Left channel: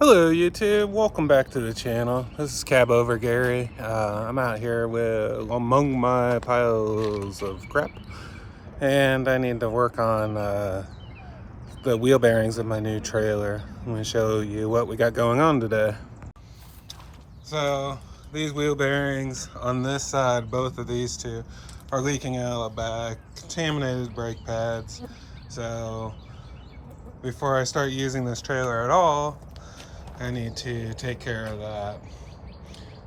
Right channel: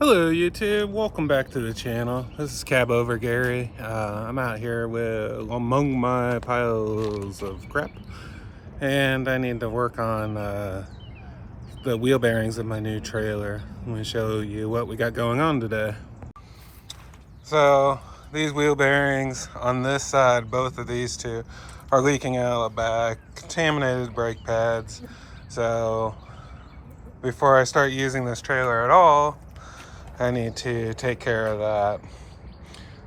Hello YouTube, welcome back to the channel. This is Cabover Gary. I'm out here among my piles of crap, and I need to work on the wheel bearings of my new trailer. I'm going to show you what we got going on today. So these wheel bearings on this side, both of these two, are leaking out the back, contaminated brake pads. So before I start using this trailer at all, I need to take care of that.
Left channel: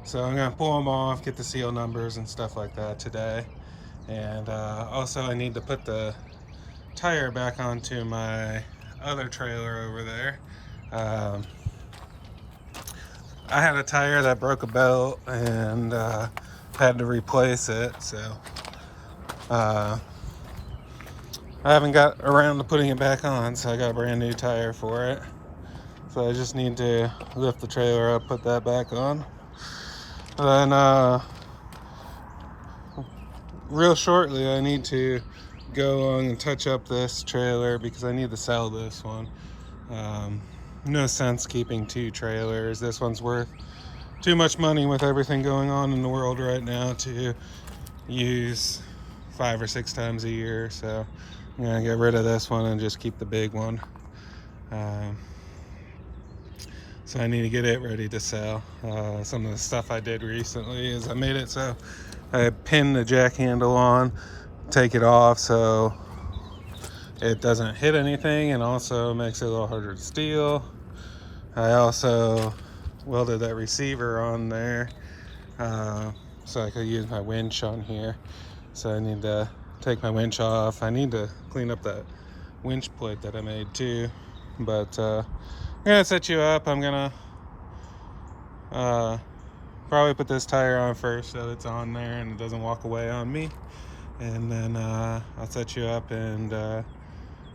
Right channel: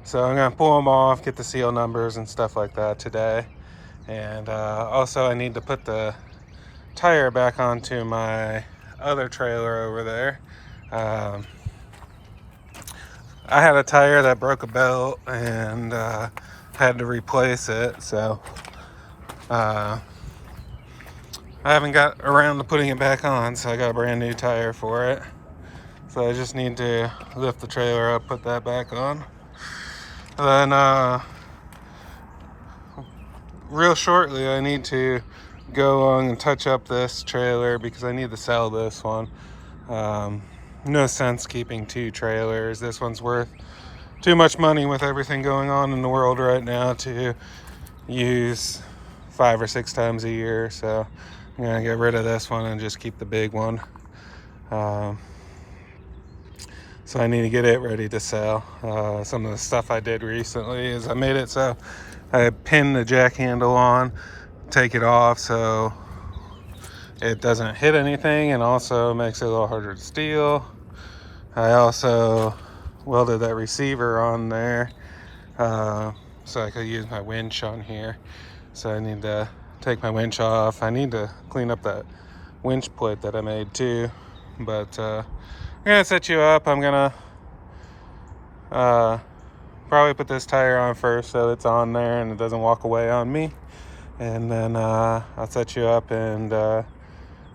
So I'm gonna pull them off, get the seal numbers and stuff like that today. And also I need to put the tire back onto my other trailer over there. I had a tire that broke a belt and had to replace it. So I haven't got around to putting it back on, so I got a brand new tire for it. So I just need to lift the trailer up, put that back on. Then real shortly I need to go on and touch up this trailer because I need to sell this one. No sense keeping two trailers. This one's worth too much money with everything going on in the world right now to use 5 or 6 times a year. So I'm gonna get rid of this one and just keep the big one. So I need to get it ready to sell. Some of the stuff I did recently is I made it so I pinned the jack handle on, take it off so it doesn't hit anything, and also makes it a little harder to steal. I also welded that receiver on there so I could use my winch on here. So I need to take my winch off. I need to clean up that winch plate that I made too. But I'm gonna set you up. I'm gonna probably put this tire on first so it's on there and it doesn't walk away on me. And then I'll set you up and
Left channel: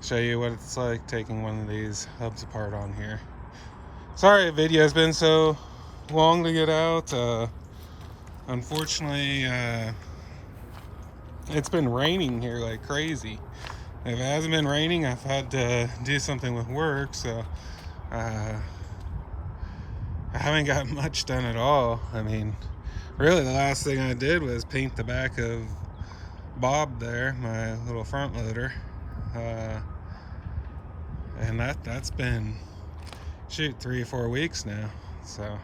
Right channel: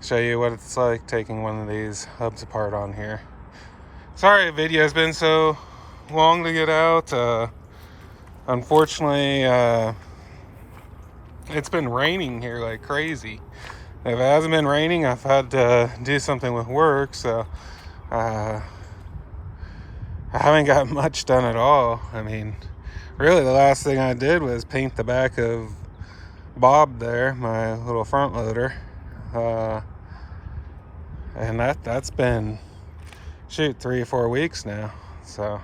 show you what it's like taking one of these hubs apart on here. Sorry the video's been so long to get out. Unfortunately, it's been raining here like crazy. If it hasn't been raining, I've had to do something with work, so I haven't got much done at all. I mean, really the last thing I did was paint the back of Bob there, my little front loader. And that's been, 3 or 4 weeks now. So,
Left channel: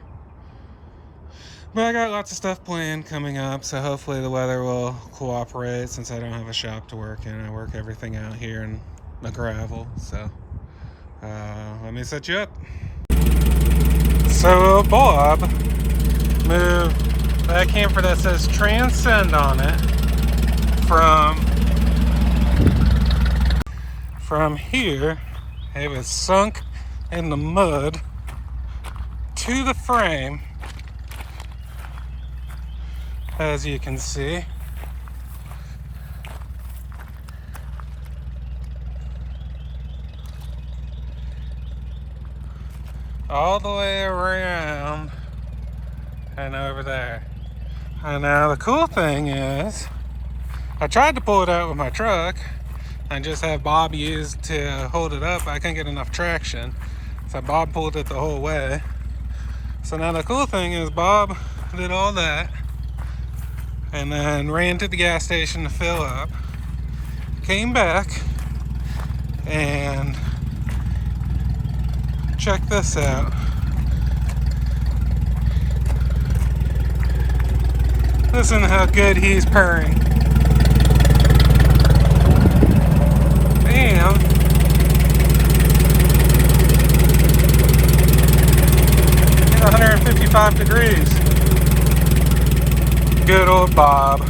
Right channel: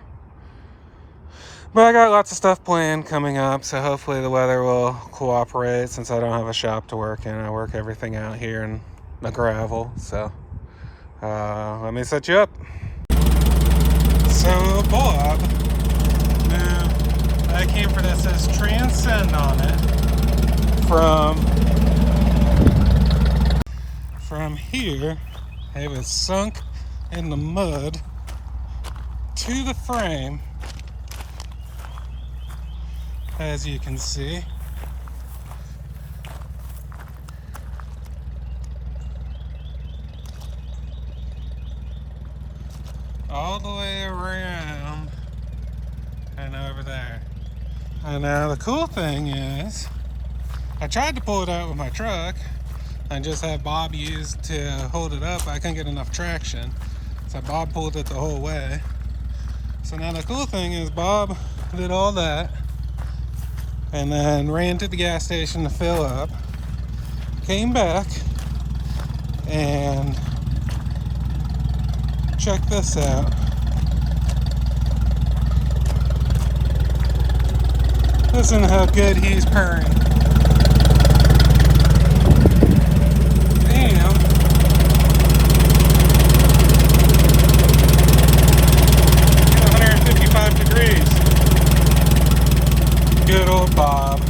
but I got lots of stuff planned coming up, so hopefully the weather will cooperate since I don't have a shop to work in. I work everything out here in the gravel. So let me set you up. So Bob moved that camper that says Transcend on it from here. It was sunk in the mud to the frame, as you can see. All the way around and over there. And now the cool thing is, I tried to pull it out with my truck and just have Bob use to hold it up. I couldn't get enough traction, so Bob pulled it the whole way. So now the cool thing is Bob did all that and then ran to the gas station to fill up, came back, and check this out. Listen to how good he's purring. Damn. 155 degrees. Good old Bob.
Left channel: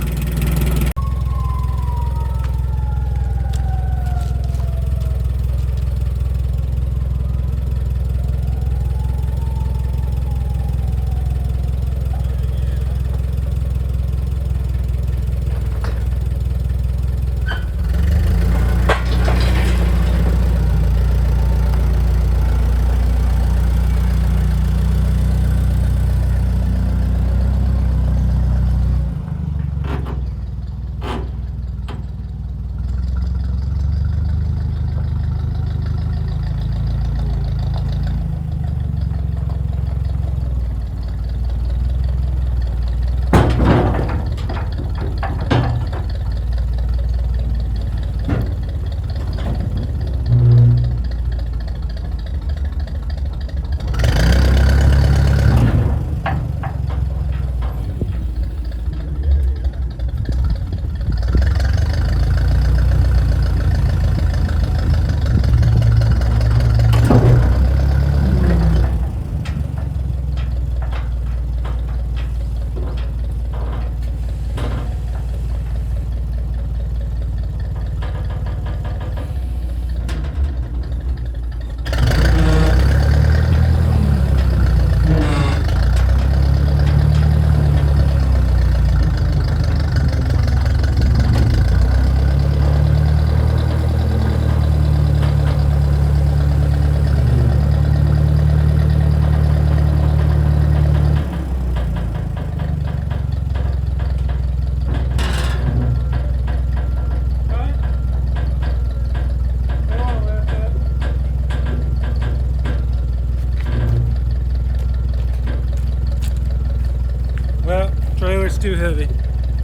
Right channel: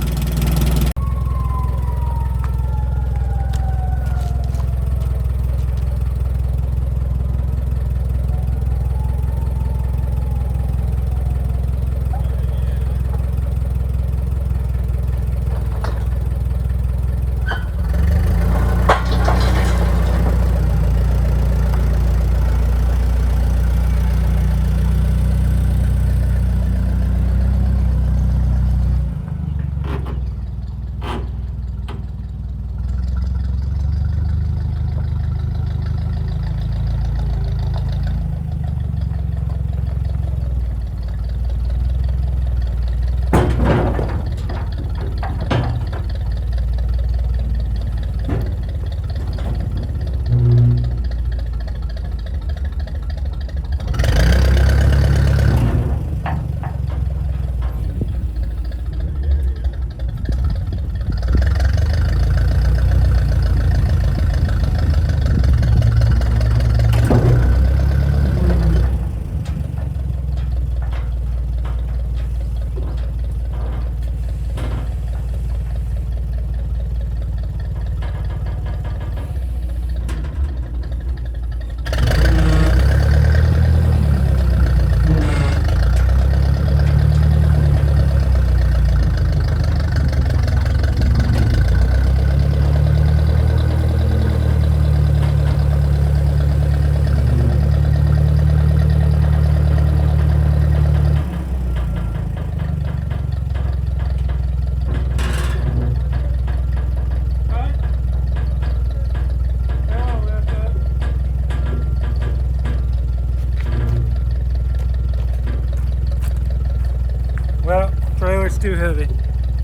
It's too heavy.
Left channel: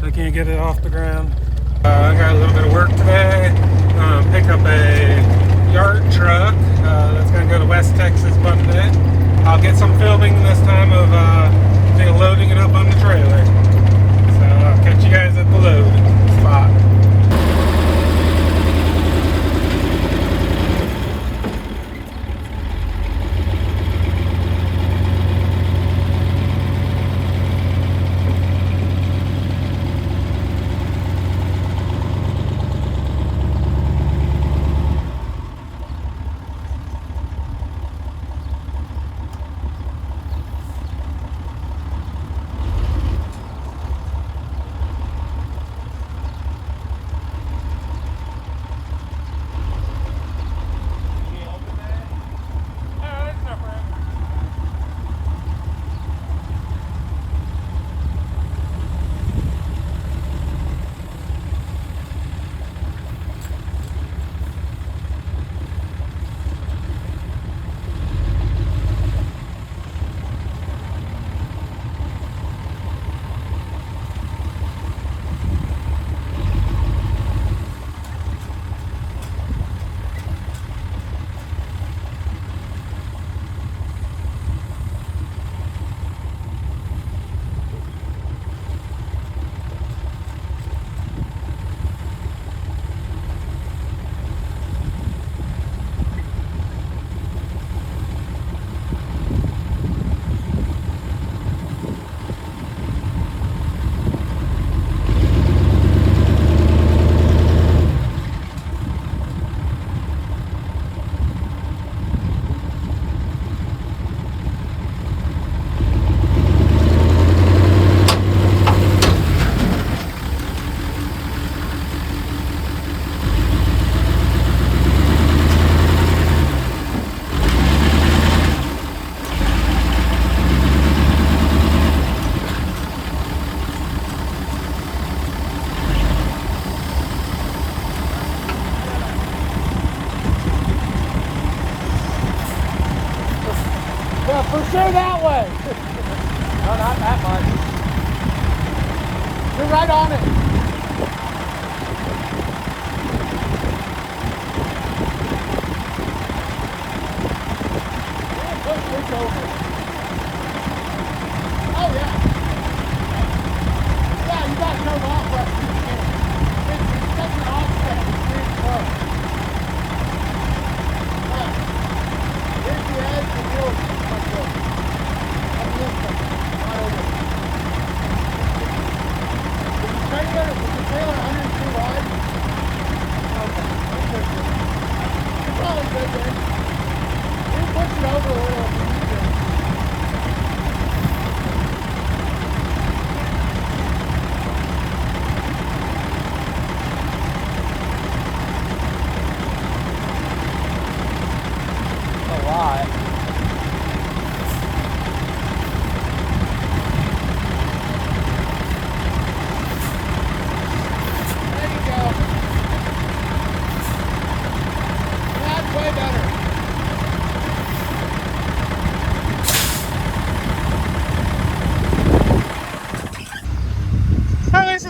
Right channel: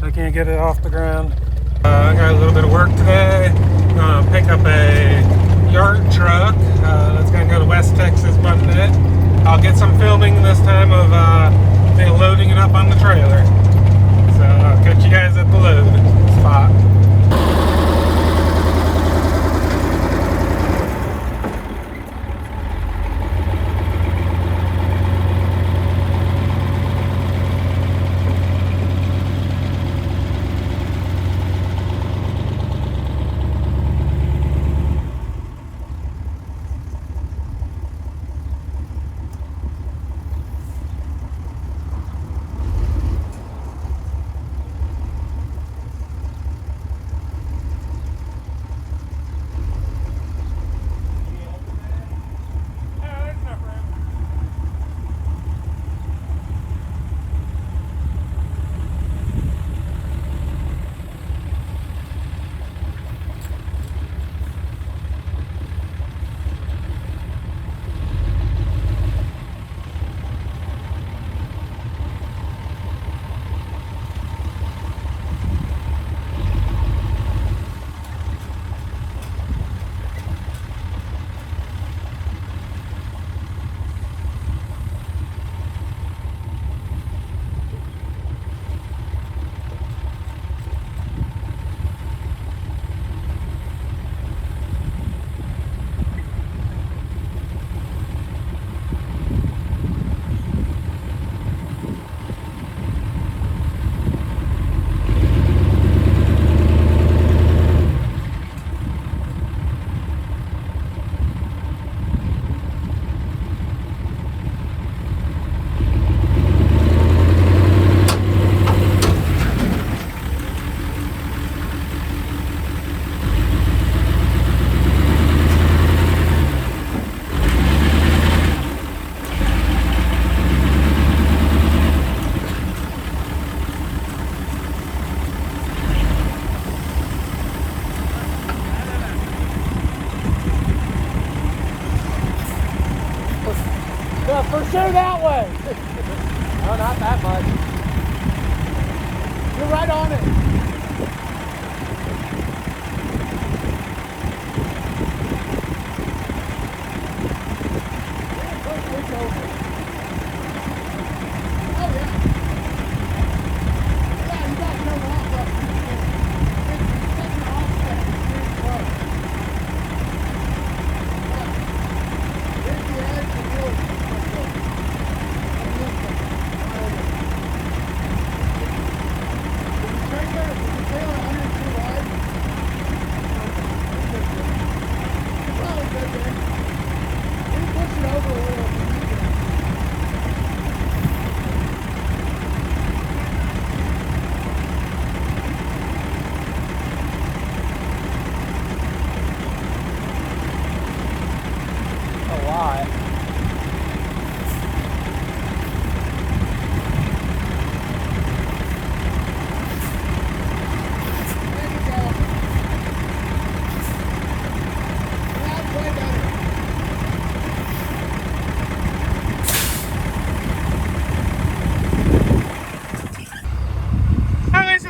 I can't get it off the ground. I got a little bit of work today. I'm gonna pick up a yard truck that's gonna go to West Texas Monday. I'll get some filming this time of loading it up on the trailer. So I'll catch you guys at the load spot.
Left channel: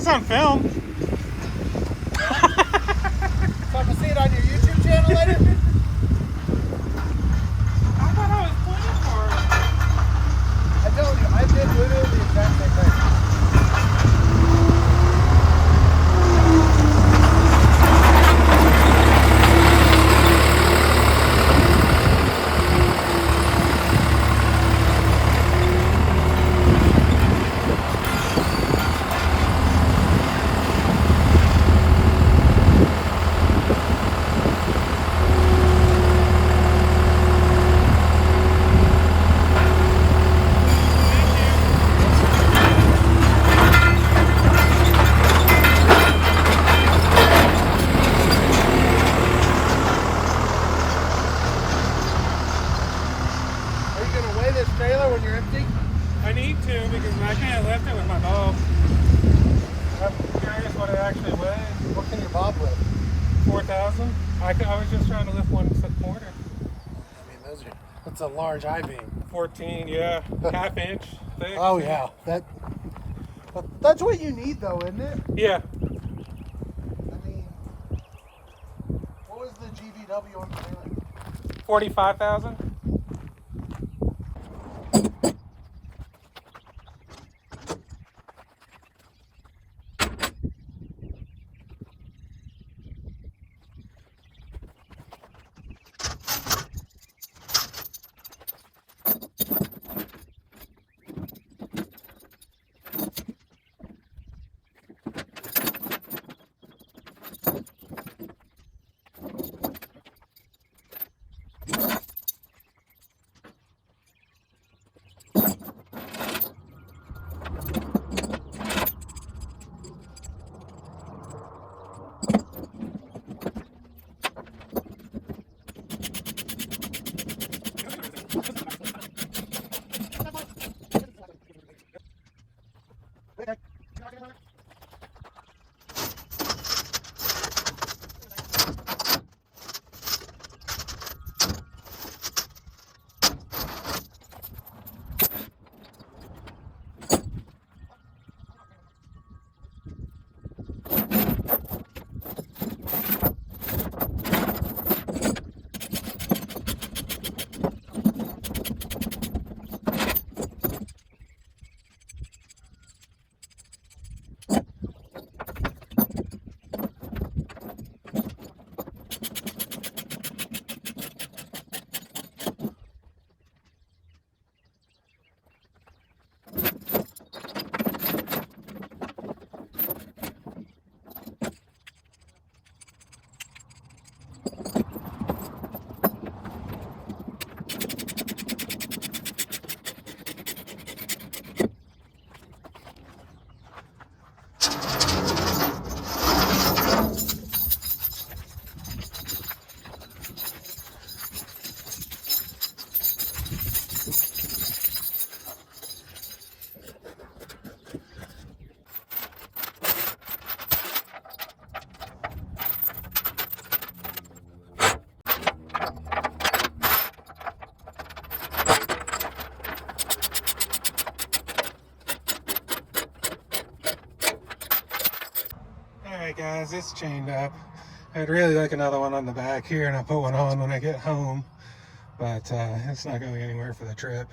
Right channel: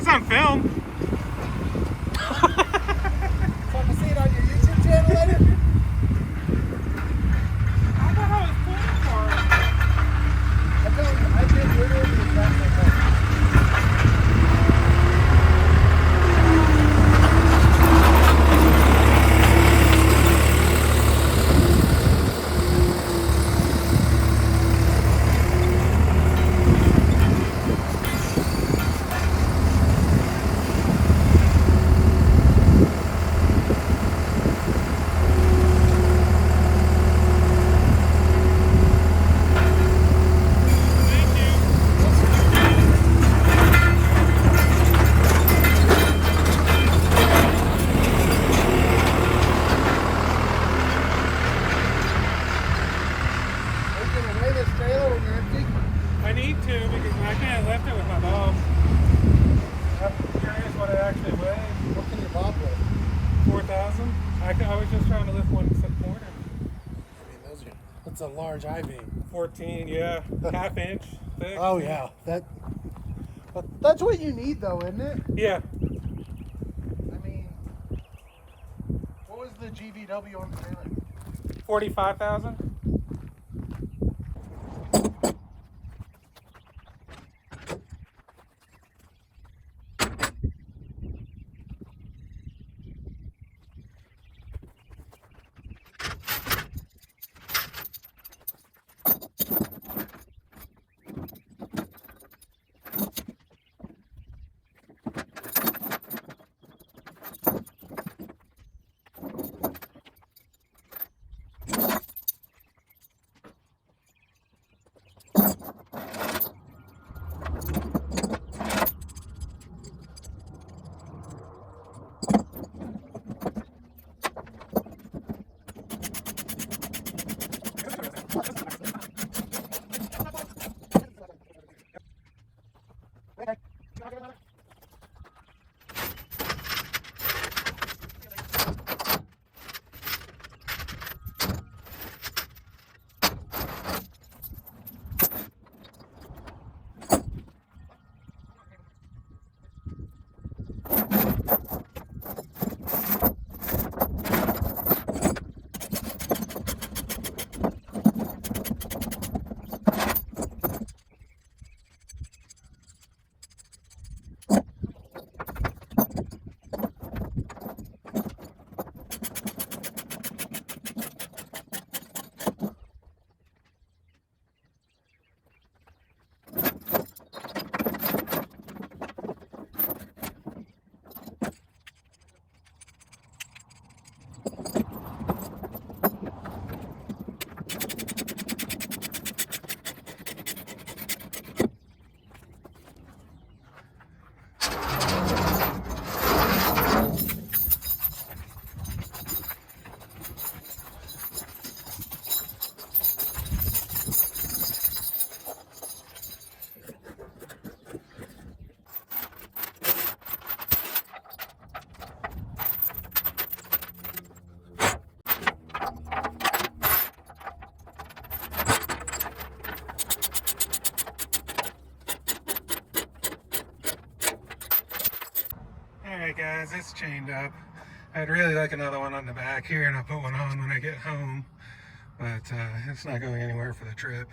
On film. So I can see it on your YouTube channel later? I thought I was pointing for it. I told you, I did literally the exact same thing. I need to because I can't lift it with my bob. I'm curious what it actually weighs. What can your bob weigh? 4,000. I was just trying to lift 1 quarter. I mean, that's a large I-beam. 14, yeah, half inch thick. Oh yeah, That's what you need, though, isn't it? Yeah. I mean, what was the GVW on the trailer? 45,000. Alright guys, it's chained up. I'd really like another one on the back here, and I'll put one on when I get home, but it's not going anywhere for the trip.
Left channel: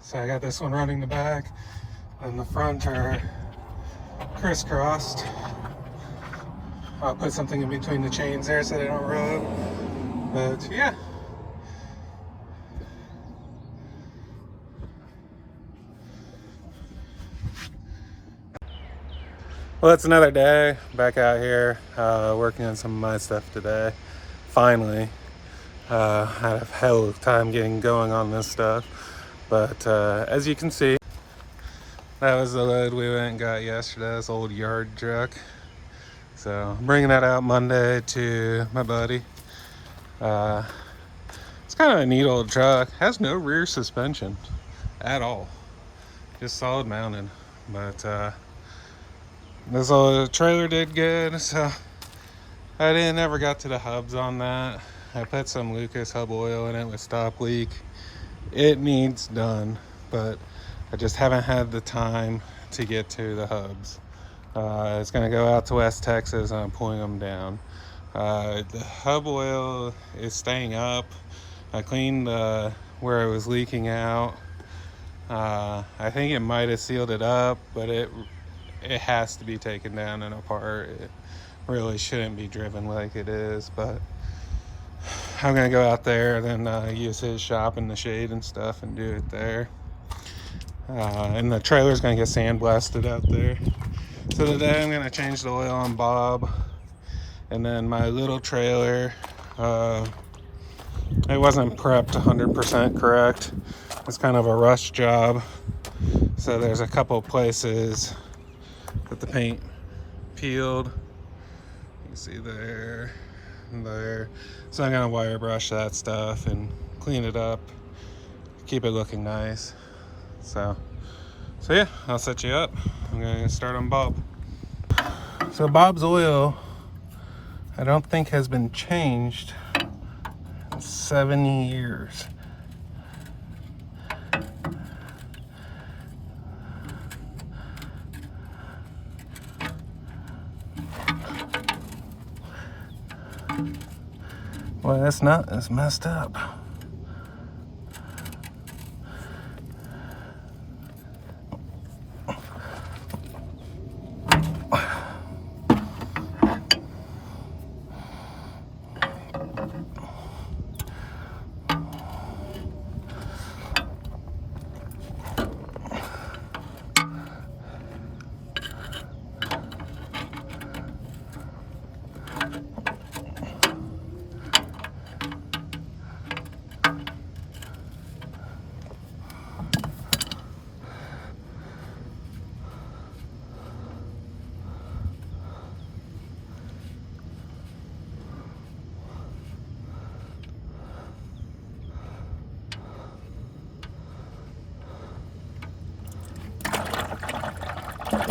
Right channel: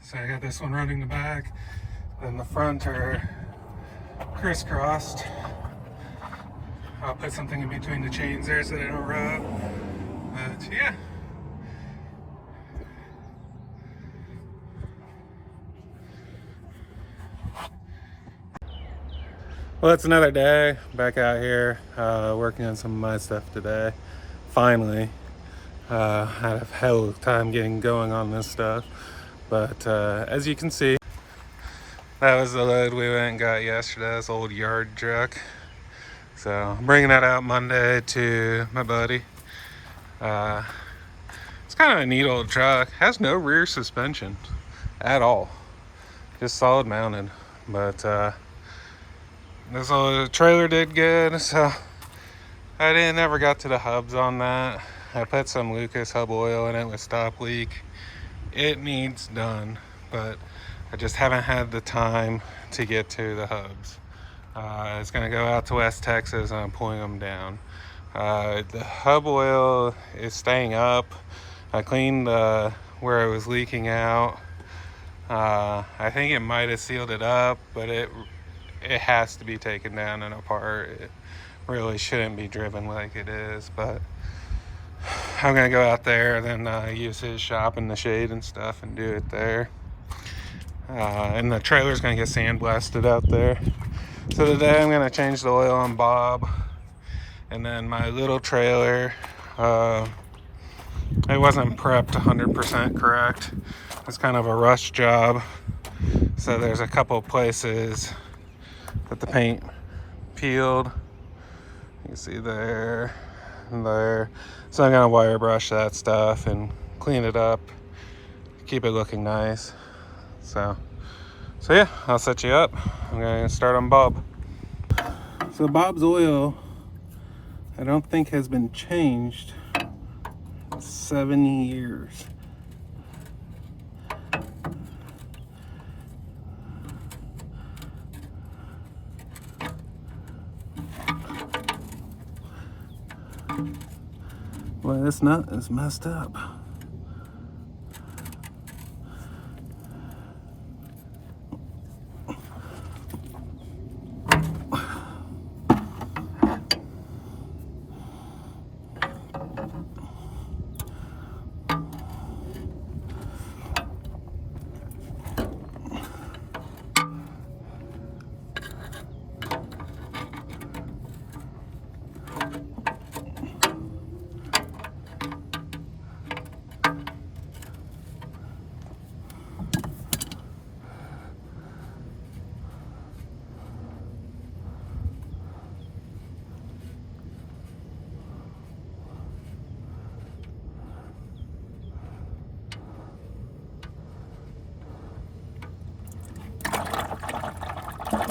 So I got this one running the back, and the front are crisscrossed. I'll put something in between the chains there so they don't rub, but yeah. Well, it's another day back out here working on some of my stuff today. Finally, had a hell of a time getting going on this stuff, but as you can see, that was the load we went and got yesterday, this old yard truck. So I'm bringing that out Monday to my buddy. It's kind of a neat old truck. Has no rear suspension at all, just solid mounted, but this old trailer did good, so I never got to the hubs on that. I put some Lucas hub oil in it with stop leak. It needs done, but I just haven't had the time to get to the hubs. It's gonna go out to West Texas and I'm pulling them down. The hub oil is staying up. I cleaned where it was leaking out. I think it might have sealed it up, but it has to be taken down and apart. It really shouldn't be driven like it is, but I'm gonna go out there and then use his shop in the shade and stuff and do it there. And the trailer's gonna get sandblasted out there. So today I'm gonna change the oil on Bob, and then my little trailer, it wasn't prepped 100% correct. It's kind of a rush job, so there's a couple places that the paint peeled. You can see there and there. So I'm gonna wire brush that stuff and clean it up, keep it looking nice. So yeah, I'll set you up. I'm gonna start on Bob. So Bob's oil, I don't think has been changed in 70 years. this nut is messed up.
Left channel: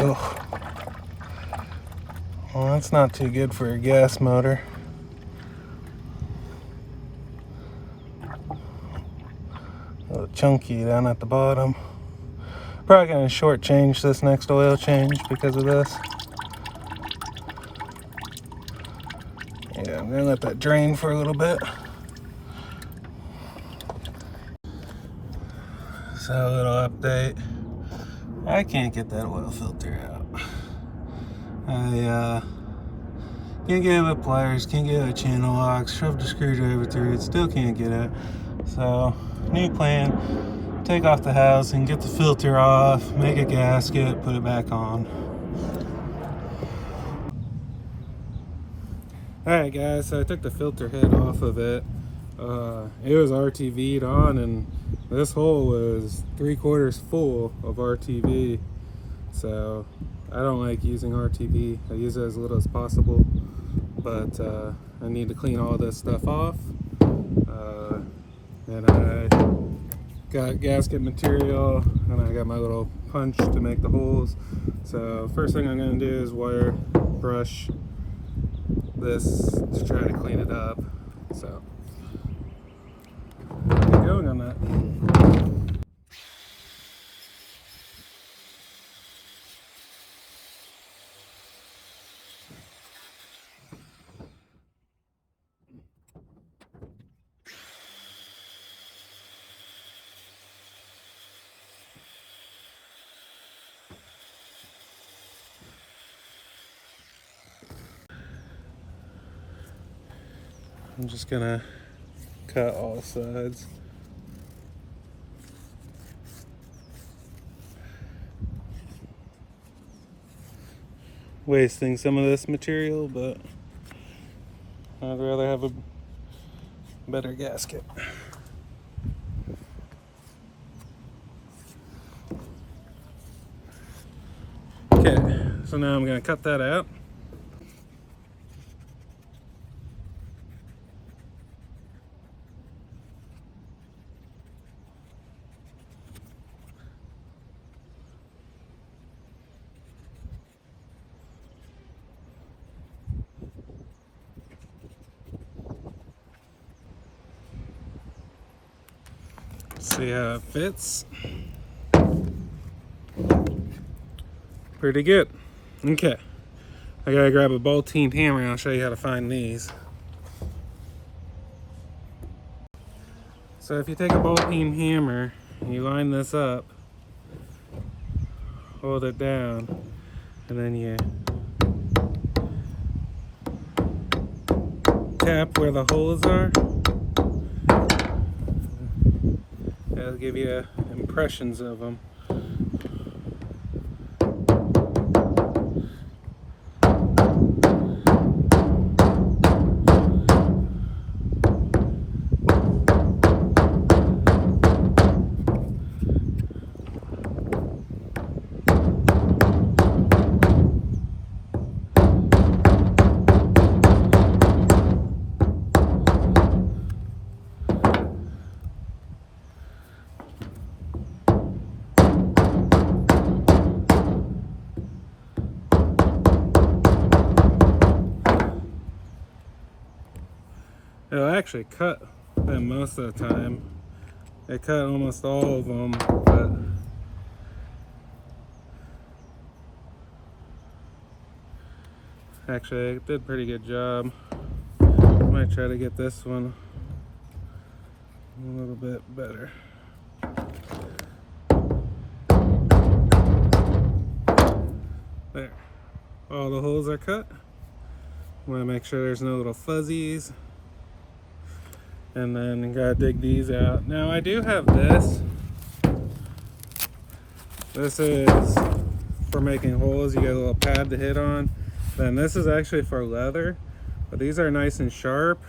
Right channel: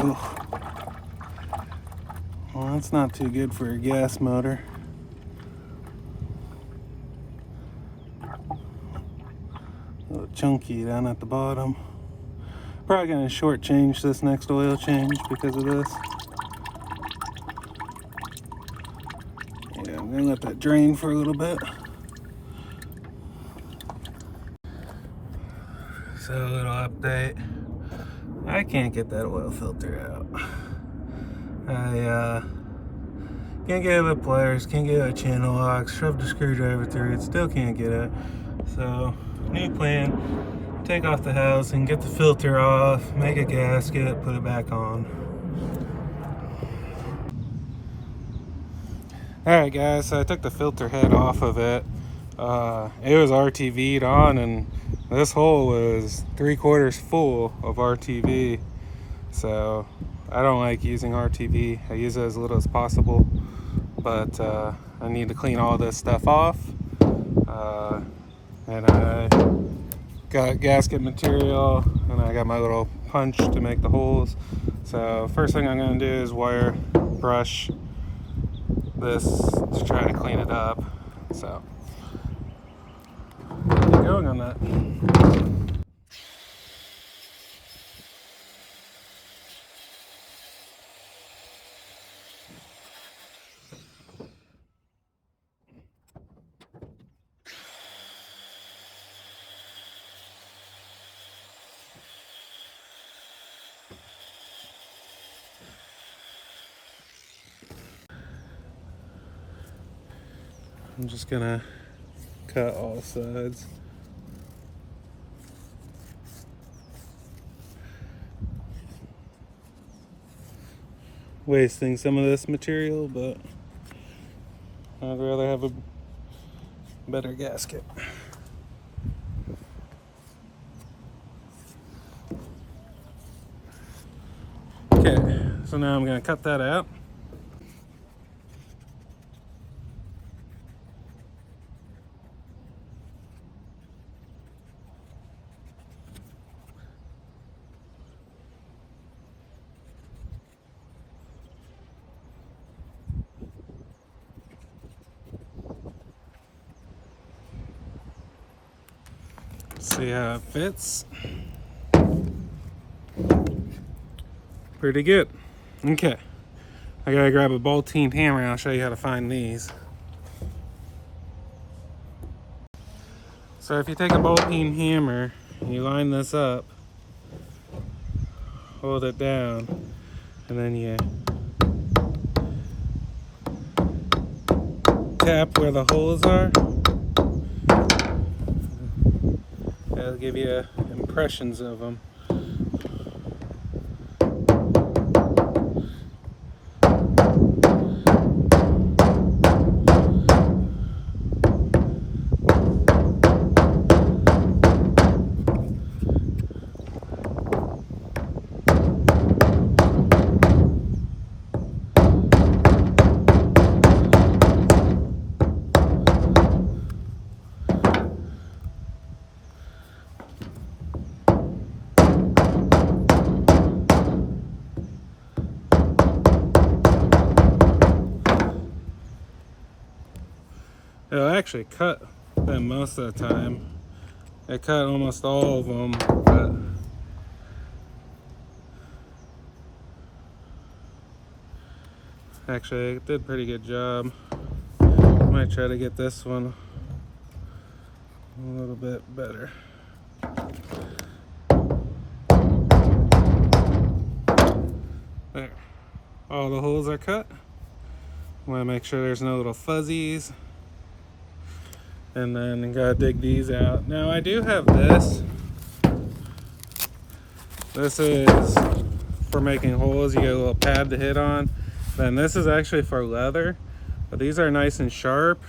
Oh. Well, that's not too good for a gas motor. A little chunky down at the bottom. Probably gonna shortchange this next oil change because of this. Yeah, I'm gonna let that drain for a little bit. So a little update. I can't get that oil filter out. I can't get it with pliers, can't get a channel lock, shoved a screwdriver through it, still can't get it. So, new plan, take off the housing, get the filter off, make a gasket, put it back on. Alright guys, so I took the filter head off of it. It was RTV'd on, and this hole was 3/4 full of RTV. So I don't like using RTV. I use it as little as possible, but I need to clean all this stuff off. And I got gasket material, and I got my little punch to make the holes. So first thing I'm going to do is wire brush this to try to clean it up. So get going on that. I'm just gonna cut all sides. Wasting some of this material, but I'd rather have a better gasket. Okay, so now I'm gonna cut that out. See how it fits. Pretty good. Okay, I gotta grab a ball-teen hammer and I'll show you how to find these. So if you take a ball-teen hammer, you line this up, hold it down, and then you tap where the holes are. That'll give you impressions of them. It'll actually cut them most of the time. It cut almost all of them, but actually it did a pretty good job. I might try to get this one a little bit better. There. All the holes are cut. Want to make sure there's no little fuzzies. And then you gotta dig these out. Now I do have this. This is for making holes. You get a little pad to hit on. Then this is actually for leather. But these are nice and sharp.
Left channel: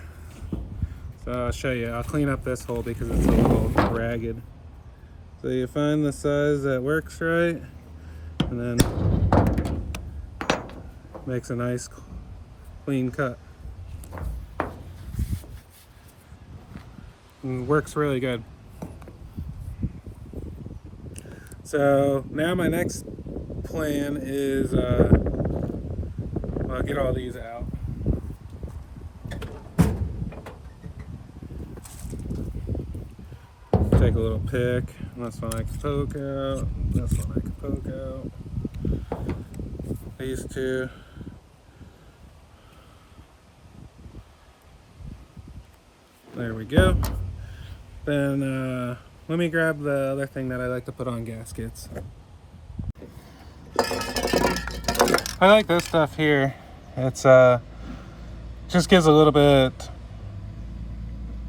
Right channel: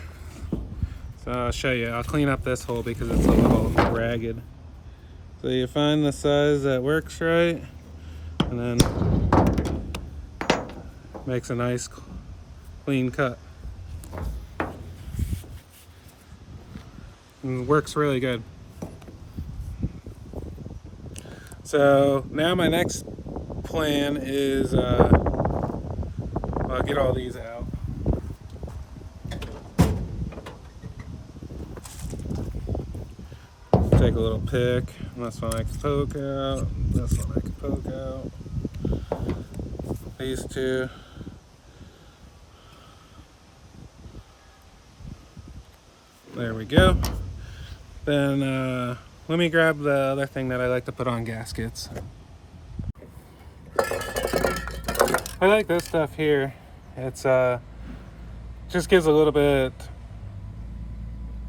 So I'll show you. I'll clean up this hole because it's a little ragged. So you find the size that works right. And then makes a nice clean cut. And works really good. So now my next plan is I'll get all these out. Take a little pick. This one I can poke out. This one I can poke out. These two. There we go. Then let me grab the other thing that I like to put on gaskets. I like this stuff here. It's just gives a little bit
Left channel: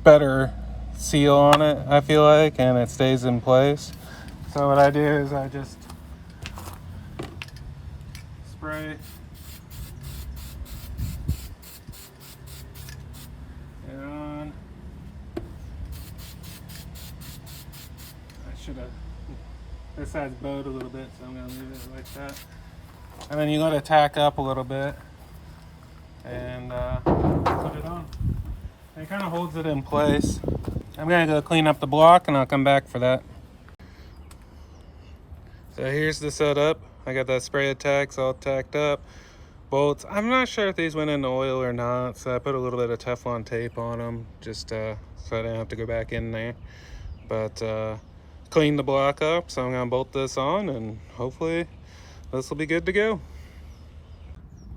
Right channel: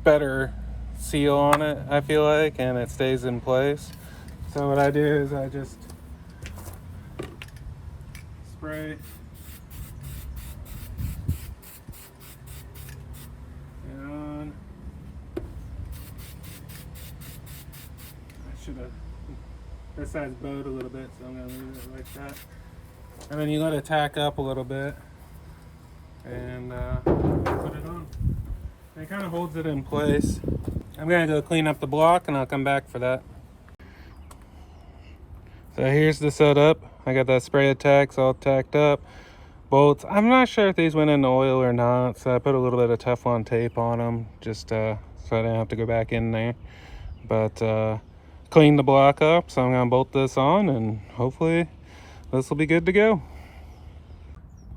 better seal on it, I feel like, and it stays in place. So what I do is I just spray and I should have, this side's bowed a little bit, so I'm gonna leave it like that. And then you let it tack up a little bit and put it on. It kind of holds it in place. I'm gonna go clean up the block and I'll come back for that. So here's the setup. I got that spray attacks all tacked up. Bolts. I'm not sure if these went in oil or not, so I put a little bit of Teflon tape on them just so I didn't have to go back in there. But cleaned the block up, so I'm gonna bolt this on and hopefully this will be good to go.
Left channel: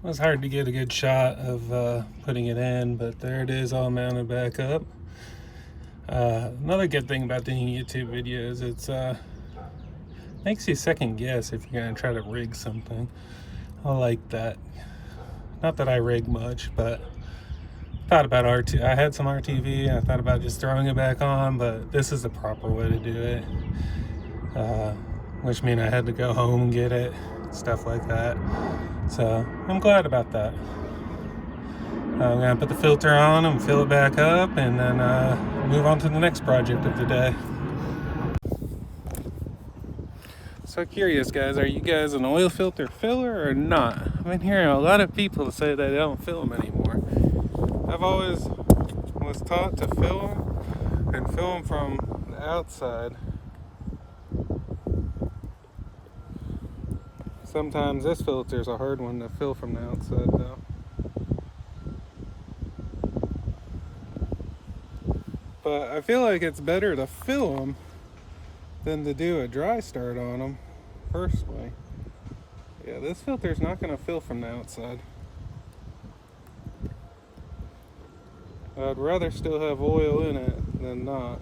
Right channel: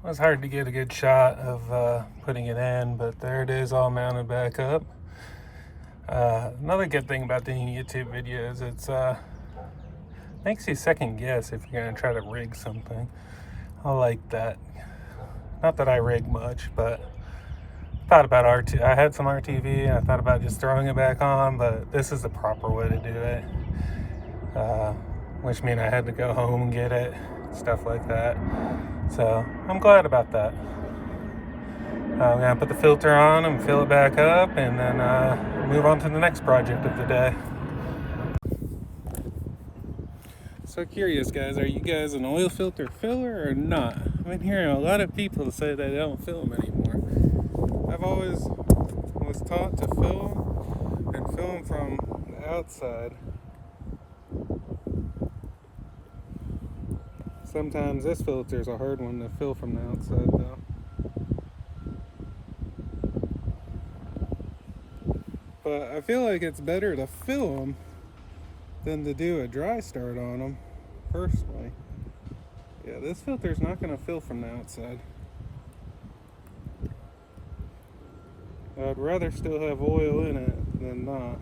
It was hard to get a good shot of putting it in, but there it is, all mounted back up. Another good thing about doing YouTube videos, it's makes you second guess if you're gonna try to rig something. I like that. Not that I rig much, but thought about I had some RTV. I thought about just throwing it back on, but this is the proper way to do it. Which means I had to go home and get it, stuff like that. So I'm glad about that. I'm gonna put the filter on and fill it back up, and then move on to the next project of the day. So curious, guys, are you guys an oil filter filler or not? I've been hearing a lot of people say that they don't fill them anymore. I've always was taught to fill them and fill them from the outside. Sometimes this filter is a hard one to fill from the outside though. But I feel like it's better to fill them than to do a dry start on them, personally. Yeah, this filter's not going to fill from the outside. I'd rather still have oil in it than not.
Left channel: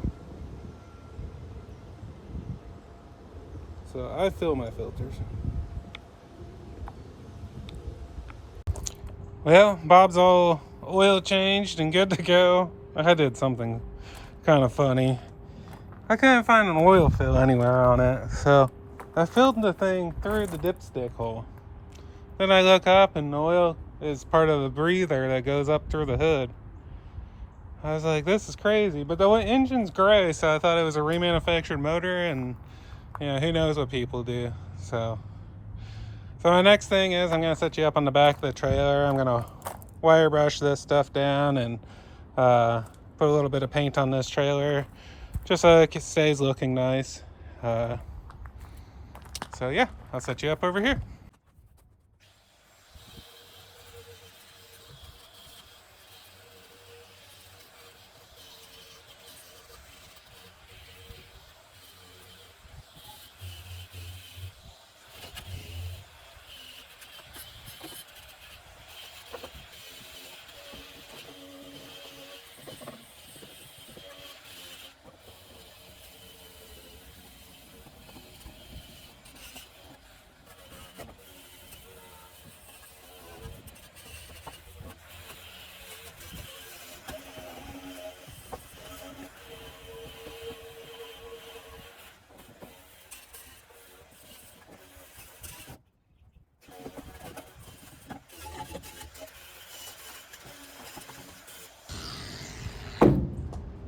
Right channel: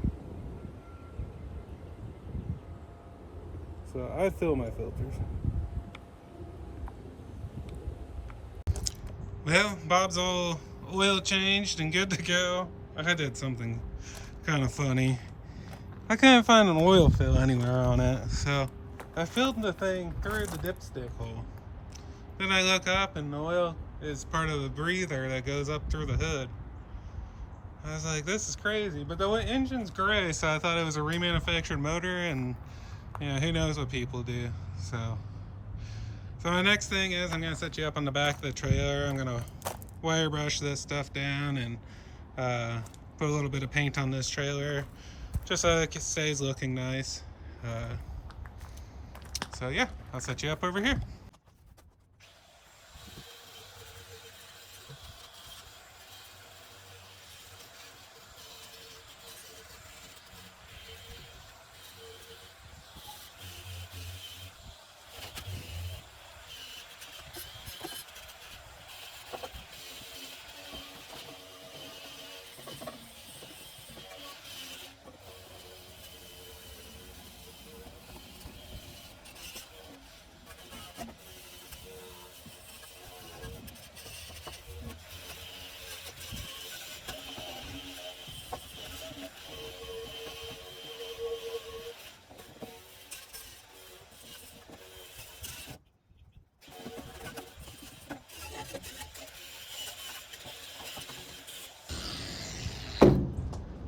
So I fill my filters. Well, Bob's all oil changed and good to go. I did something kind of funny. I couldn't find an oil fill anywhere on it, so I filled the thing through the dipstick hole. Then I look up and the oil is part of the breather that goes up through the hood. I was like, this is crazy, but the engine's gray, so I thought it was a remanufactured motor, and who knows what people do. So my next thing is I'm gonna set you up on the back of the trailer. I'm gonna wire brush this stuff down and put a little bit of paint on this trailer just so it stays looking nice. So yeah, I'll set you up over here.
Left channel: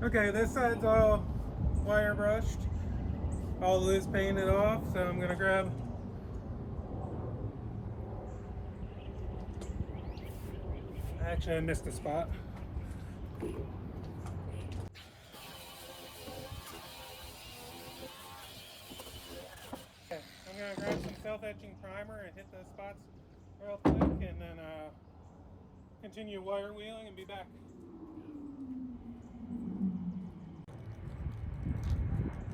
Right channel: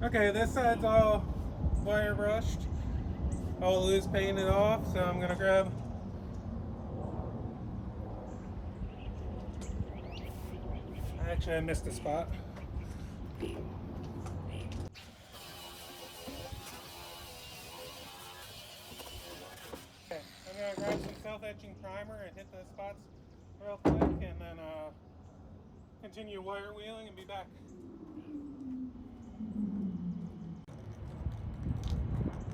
Okay, this side's all wire brushed, all loose painted off, so I'm gonna grab actually I missed a spot. Okay, I'm gonna grab some self-etching primer and hit those spots real quick, and then continue wire wheeling and be back.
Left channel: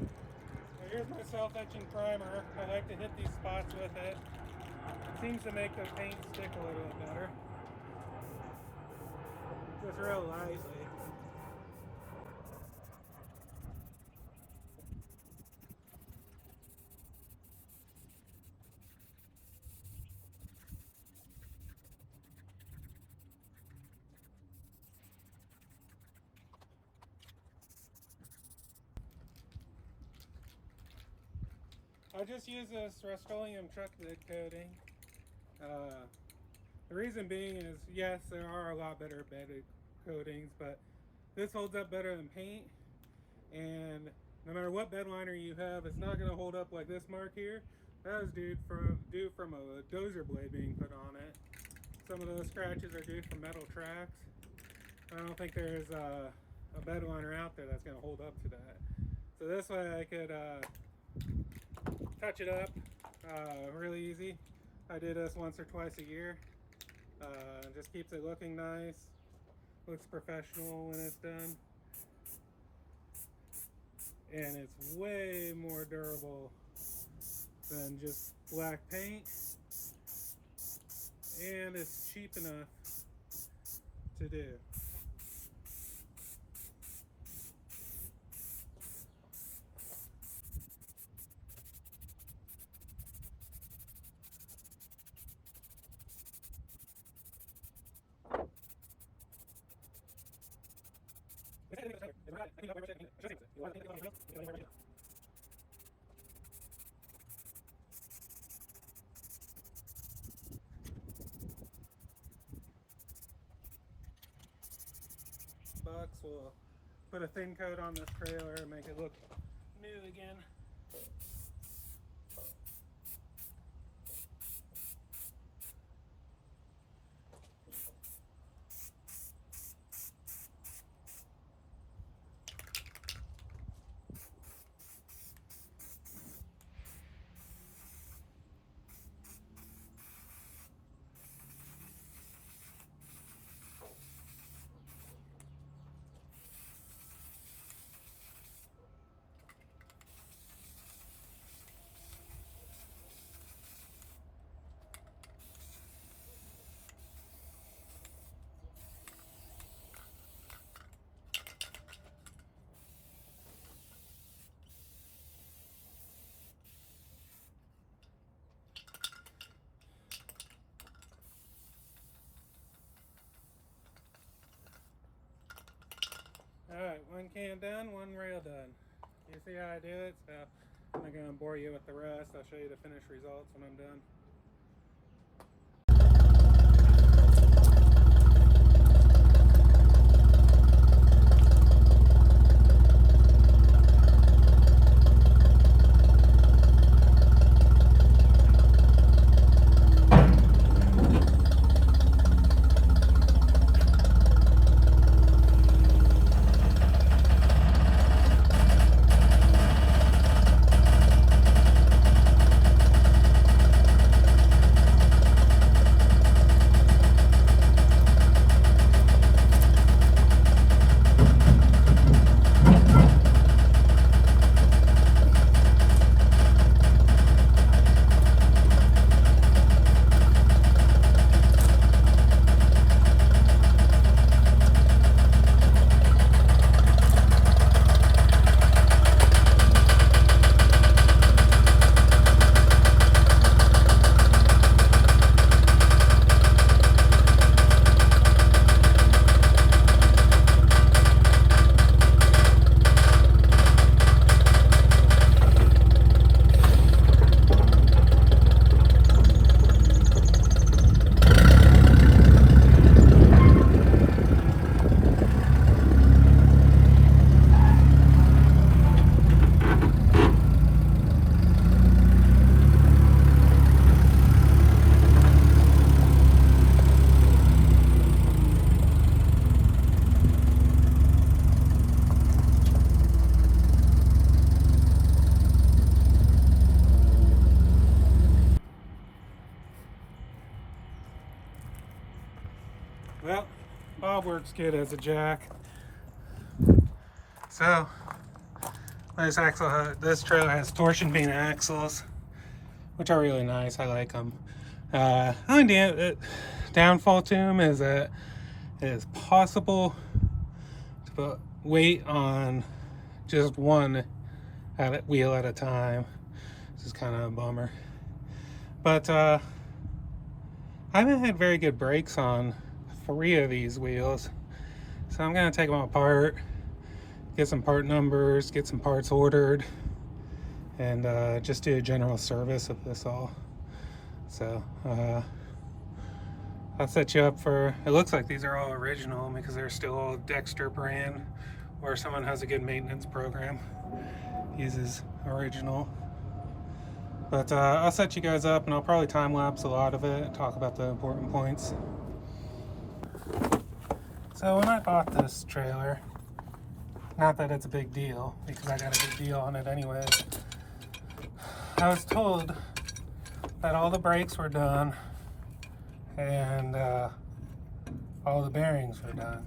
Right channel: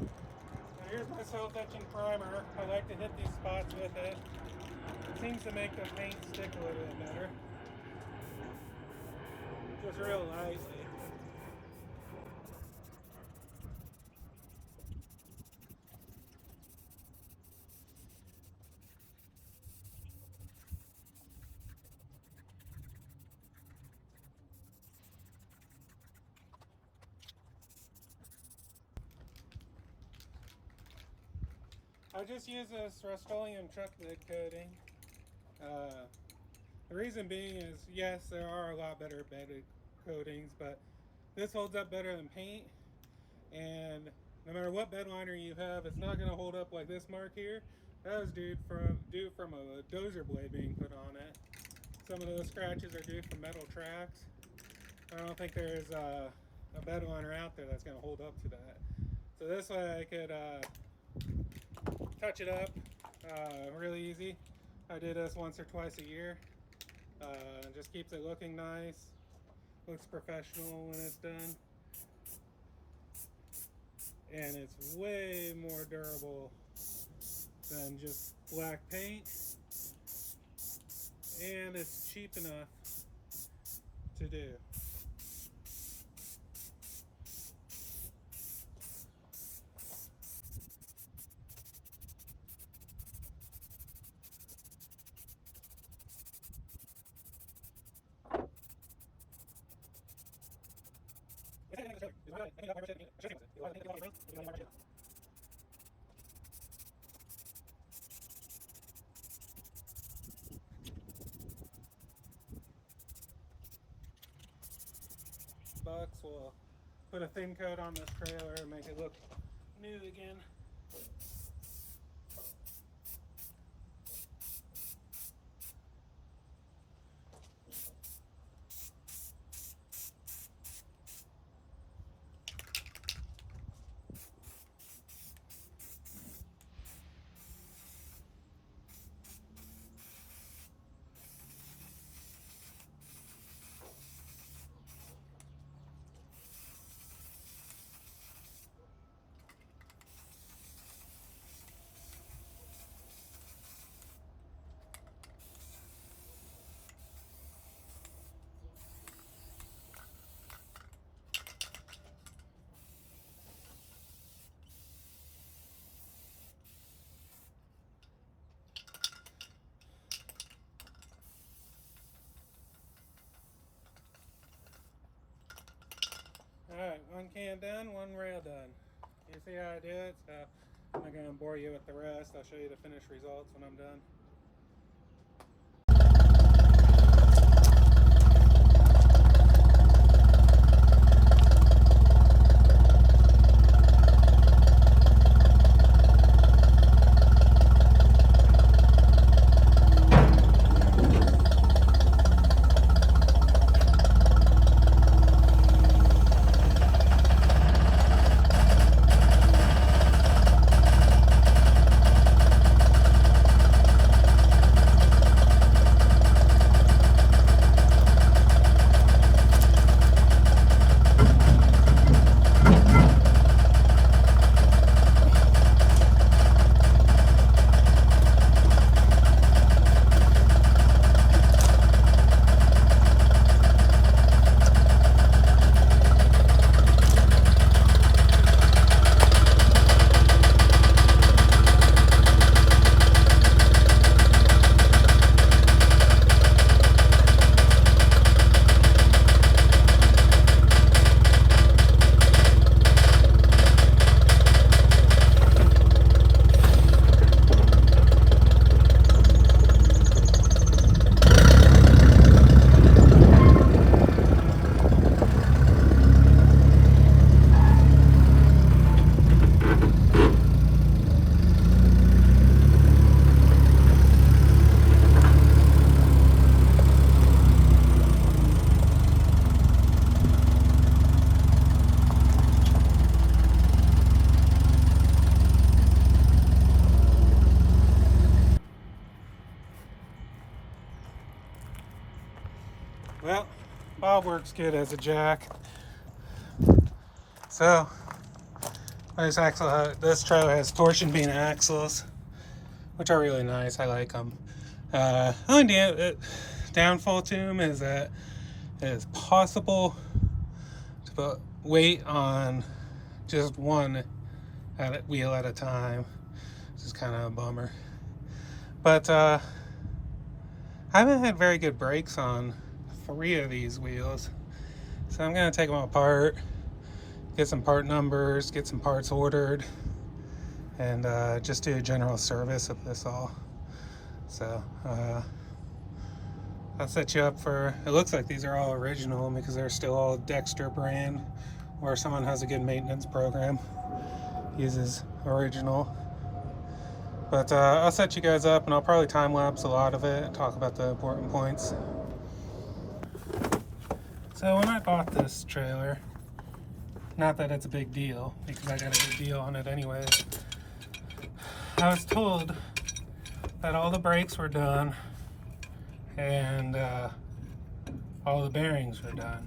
So here's my self-etching primer. I like to hit these spots with it. It seems to make the paint stick a little bit better. Just real lightly. I just use this Rust-Oleum truck lid coating. The reason being is, yes, there are a lot better bedded coatings, but this holds up better than paint, and no matter what bed liner you have, it's not going to hold up like this mark here. That is due from a dozer blade being put on it. Some of those scratches are due from metal tracks. I don't think there's a bed liner out there that's going to hold up to that. So this way I could touch it up really easy. I do this once or twice a year. Just keeps it looking nice, looks professional when it's done, and it's way more durable than just black paint, and it's cheap enough to do. Bucks will put a thin coat on this trailer and make it look new again. Alright, one can done, one rail done. You see how I do it? So I'm not going to bore you with the rest. I'll show you the finished results when I'm done. Bob works good as a jack. So this trailer has torsion beam axles, which are really nice. I like them. Only downfall to them is that it is possible to put weight on just one wheel at a time. This is kind of a bummer. But I haven't had very good brakes on 3 of these wheels. So I'm going to take them apart, get some part numbers, get some parts ordered, and just do a general service of this all. So I'll set you up for, it looks like these are all original because they're still all Dexter brand, or someone has a good maintenance program, uses original. But I'll set you guys up and I'll probably time lapse a lot of it and talk about the important points. So when I bought this trailer, not that it's a big deal because I got a good deal on it anyways, I was told that all the brakes were done and all the bearings were done.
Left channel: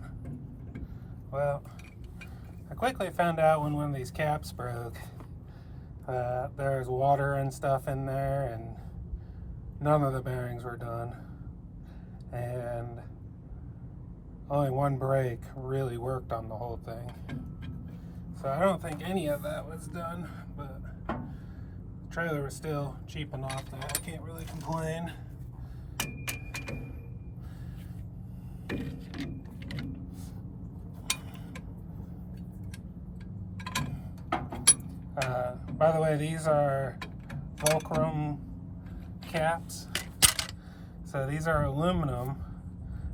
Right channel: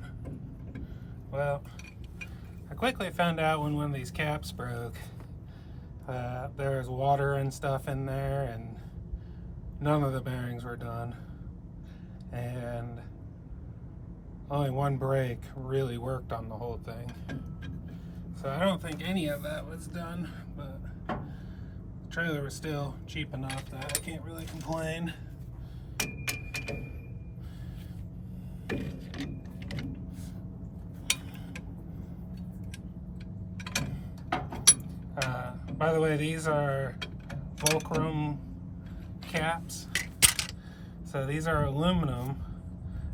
Well, I quickly found out when one of these caps broke, there's water and stuff in there and none of the bearings were done, and only one brake really worked on the whole thing. So I don't think any of that was done, but the trailer was still cheap enough that I can't really complain. By the way, these are fulcrum caps. So these are aluminum,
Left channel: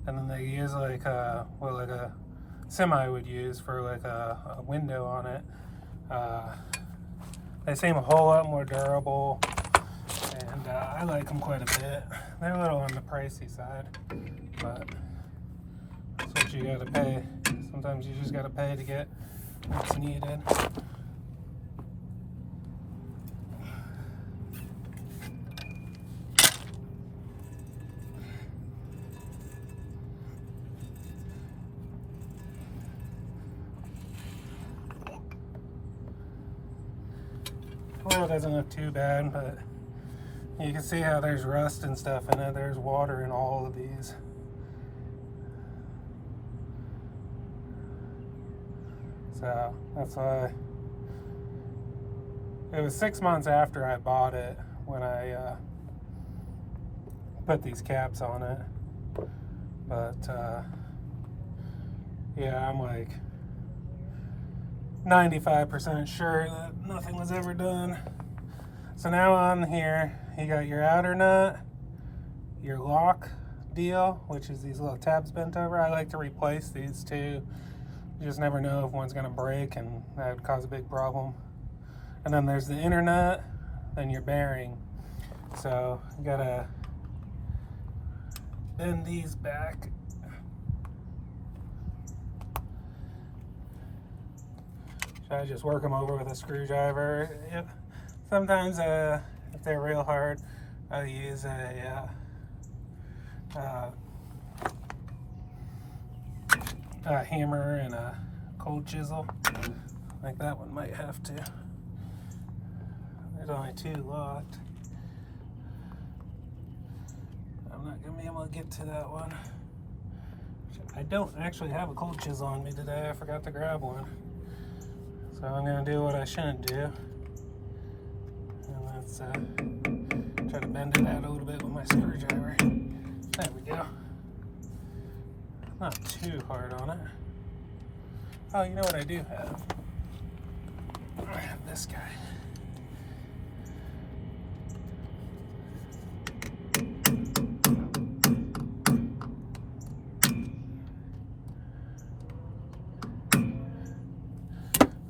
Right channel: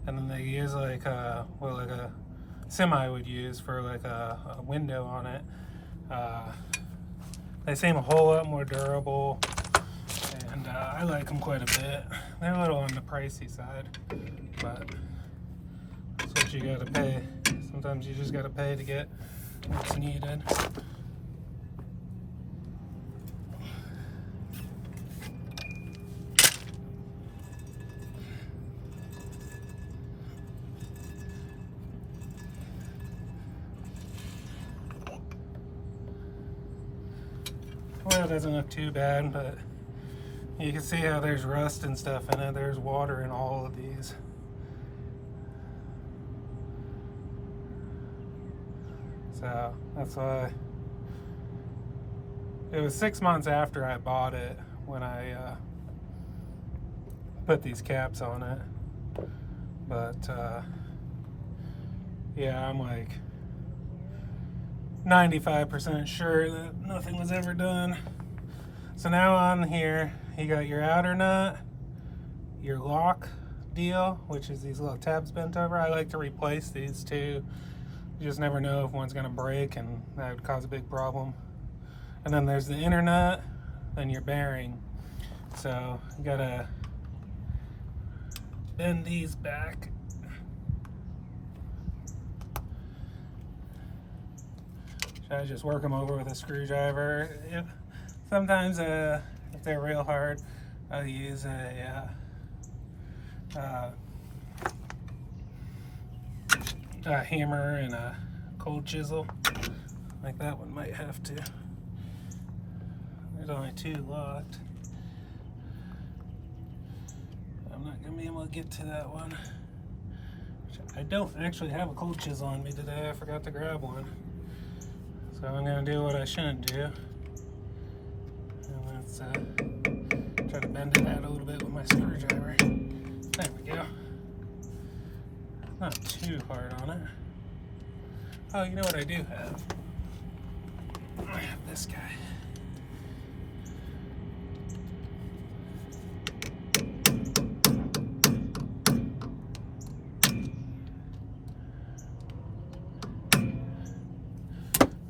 and then they use like like a semi would use for like a window on it. They seem a whole lot more durable, and I like them quite a bit. They're a little on the pricey side, but that's what you gotta pay. Sometimes you just gotta pay to get what's needed. Well, it doesn't look too bad, but you can see how there's rust and stuff in it. There's water in all of these. So that's why it was 6 months after I bought it when I put these caps on it. But yeah, I'm like 95% sure that nothing was ever done. So now on here, you got your outer nut, your lock deal, which is these little tabs bent over. I like to replace these too. You just never know if one's gonna break, and that would cause a big problem. And then there's the inner nut, then your bearing. So you gotta bend these back. I just work them over with a screwdriver. Sometimes if they're real hard, I'll use a hammer and a cold chisel. Like that one might have to. There's only 2 locked. I'm not gonna be able to get to that one. I don't actually have a cold chisel on me today. I forgot to grab one. So I'm gonna do what I shouldn't do. And let's try to bend it out a little bit with my screwdriver. There we go. Not too hard on it. Oh, you know what I do have? I have this guy.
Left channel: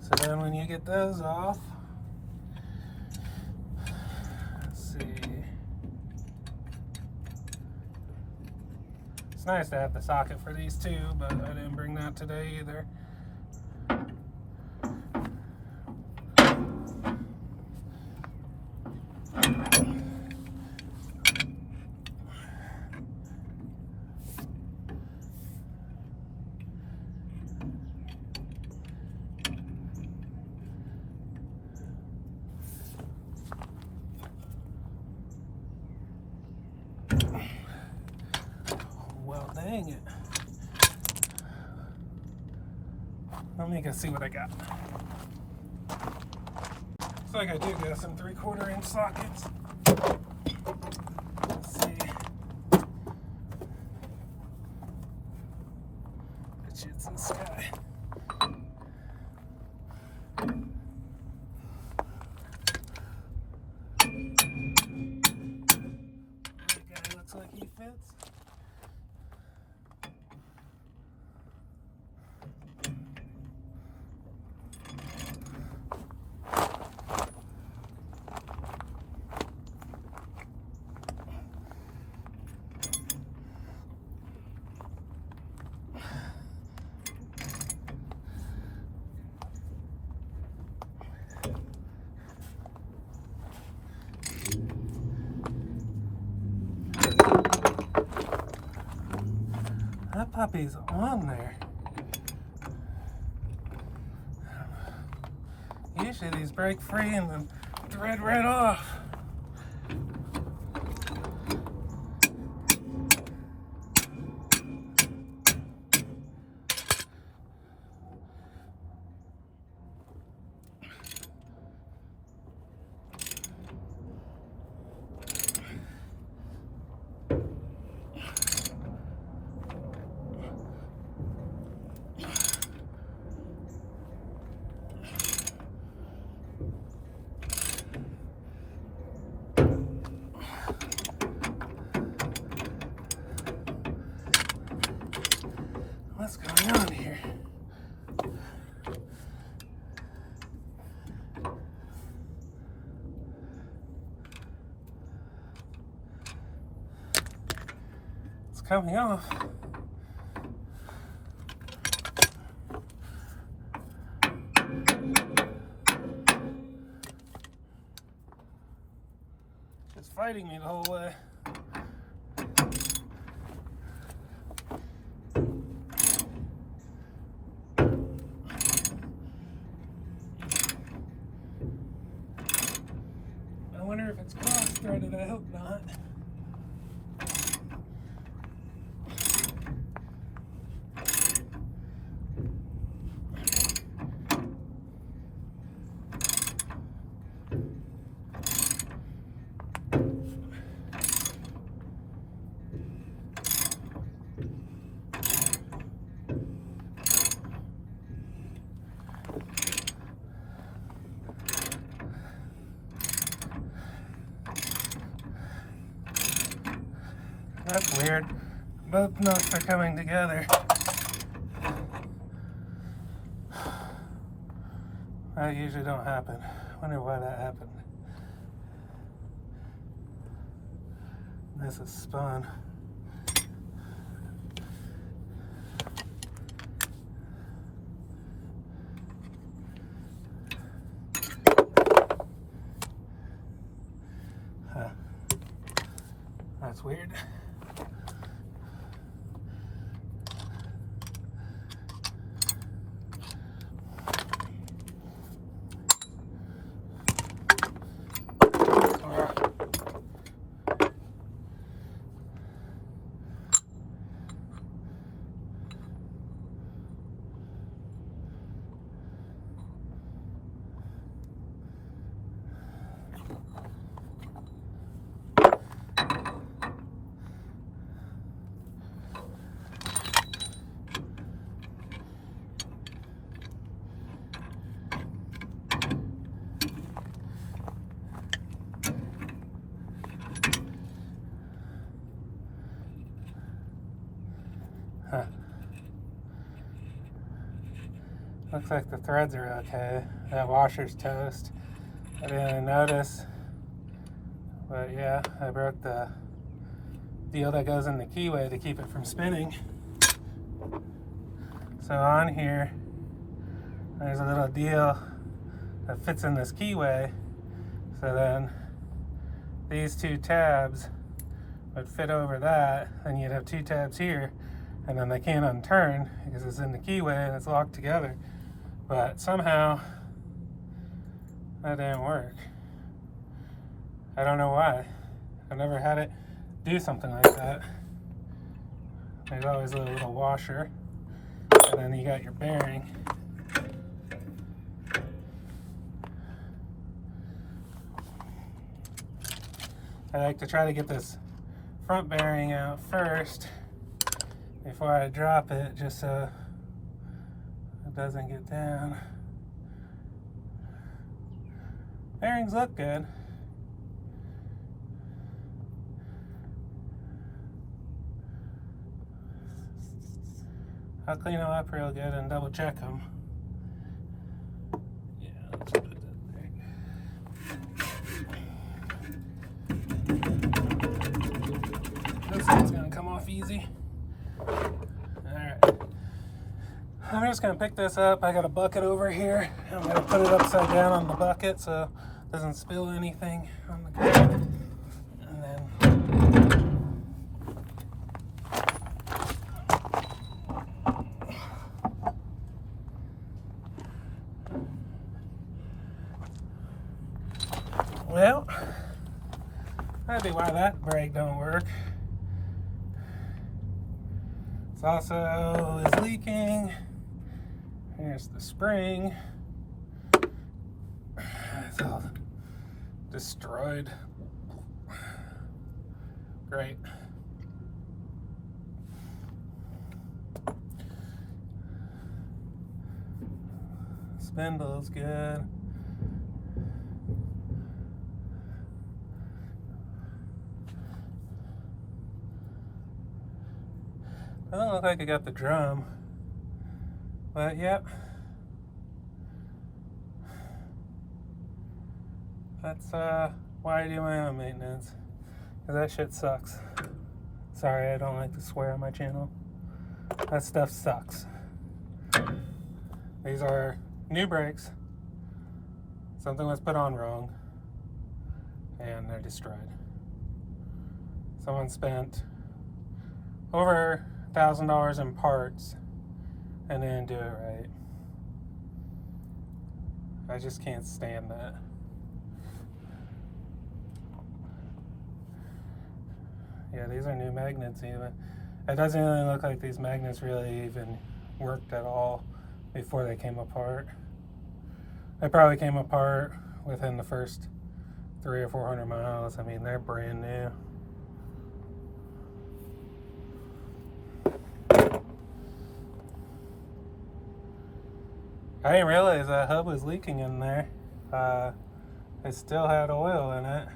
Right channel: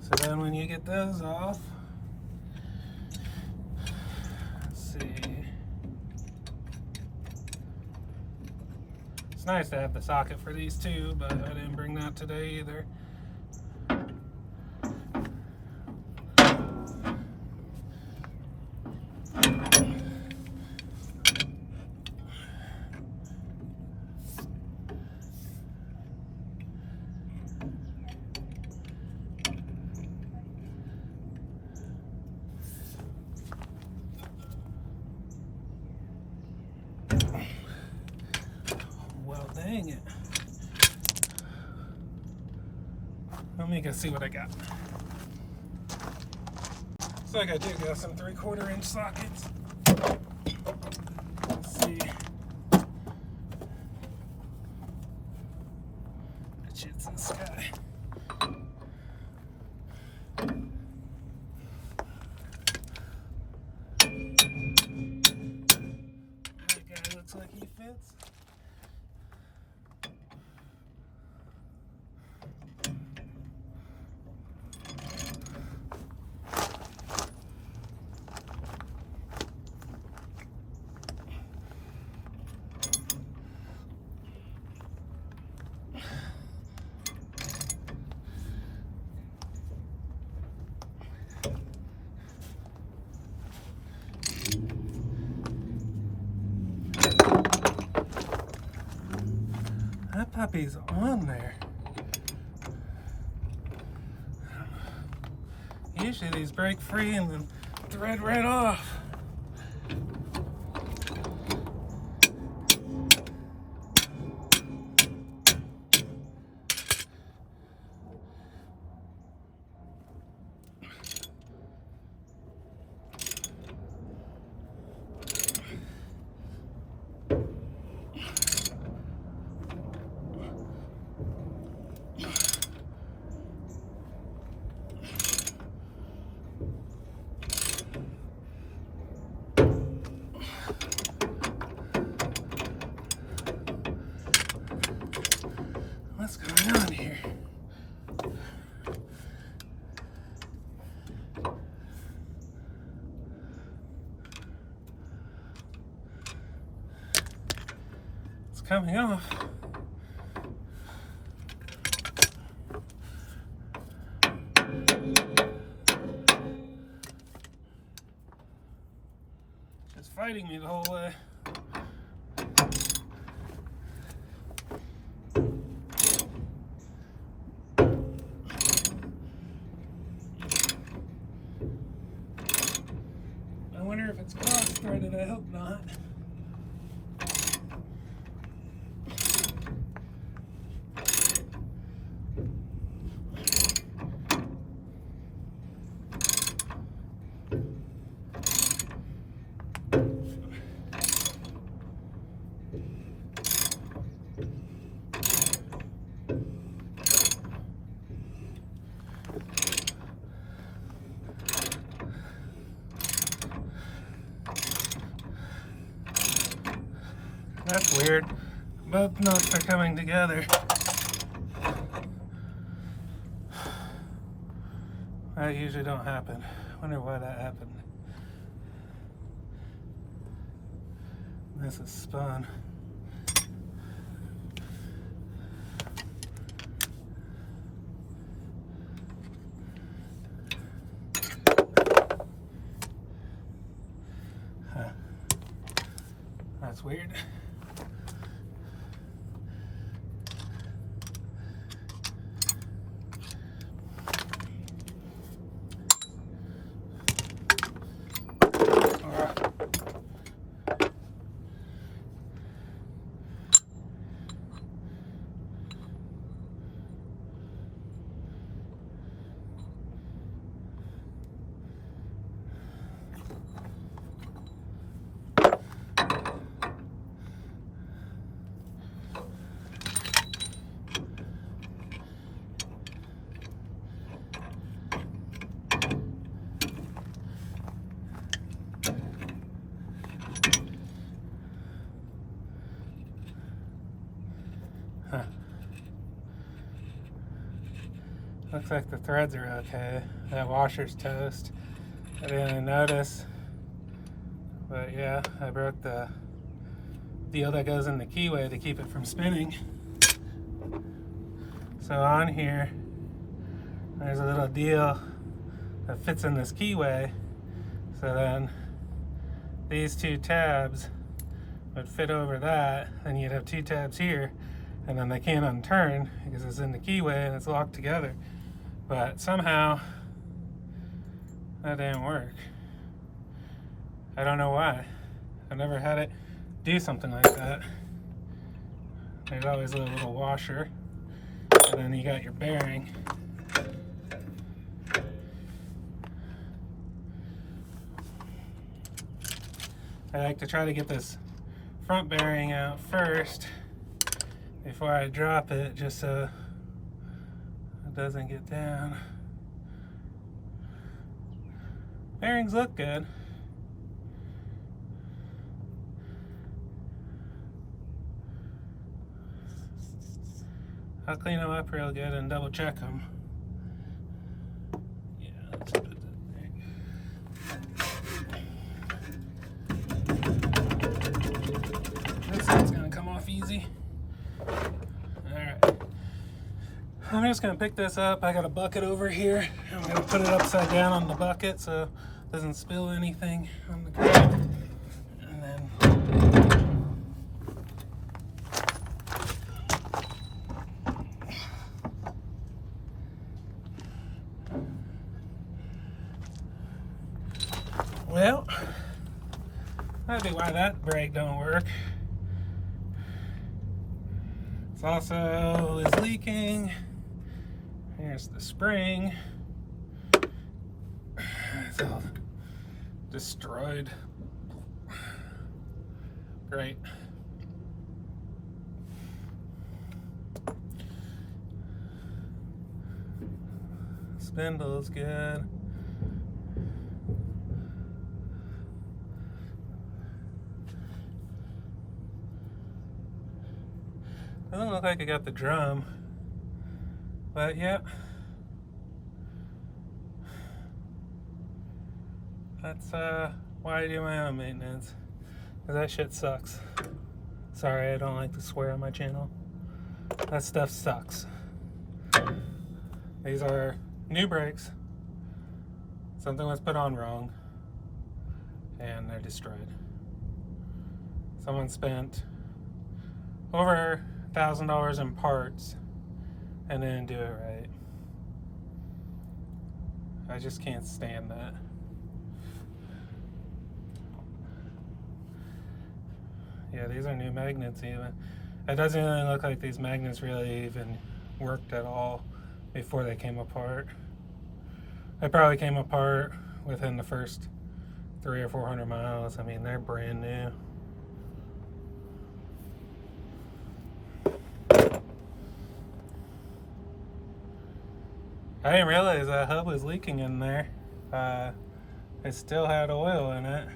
So then when you get those off, let's see. It's nice to have the socket for these too, but I didn't bring that today either. Dang it. Let me go see what I got. Looks like I do got some 3/4 inch sockets. Let's see. Good shit's in the sky. That guy looks like he fits. That puppy's on there. Usually these break free and then thread right off. What's going on here? It's coming off. Just fighting me the whole way. I wonder if it's cross-threaded. I hope not. That's weird. Both knots are coming together. That usually don't happen. Wonder why that happened. This is spun. Huh. That's weird. Huh. Looks like the threads are okay. That washer's toast. I didn't notice. But yeah, I broke the deal that goes in the keyway to keep it from spinning. So on here, there's a little deal that fits in this keyway. So then these two tabs would fit over that, and you'd have two tabs here, and then they can't unturn because it's in the keyway and it's locked together. But somehow that didn't work. I don't know why. I've never had it do something like that. There's always a little washer, and then you got your bearing. I like to try to get this front bearing out first before I drop it, just so it doesn't get down. Bearings look good. I'll clean them up real good and double check them. Yeah, let's put that there. This one's gonna come off easy. Alright. I'm just gonna pick this up. I got a bucket over here. I'm gonna put it upside down on the bucket so it doesn't spill anything on the ground. And then well, that'd be why that brake don't work. It's also is leaking. Here's the spring. It's all destroyed. Great. Spindle's good. Doesn't look like I got the drum, but yeah. That's why I do my own maintenance, because that shit sucks. Sorry, I don't like to swear on my channel. That stuff sucks. These are new brakes. Something was put on wrong, and they're destroyed. Someone spent over $1,000 in parts and didn't do it right. I just can't stand that. Yeah, these are new magnets even. It doesn't really look like these magnets really even worked at all before they came apart. They probably came apart within the first 300 or 400 miles. I mean, they're brand new. I didn't realize that hub was leaking in there. It still had oil in it,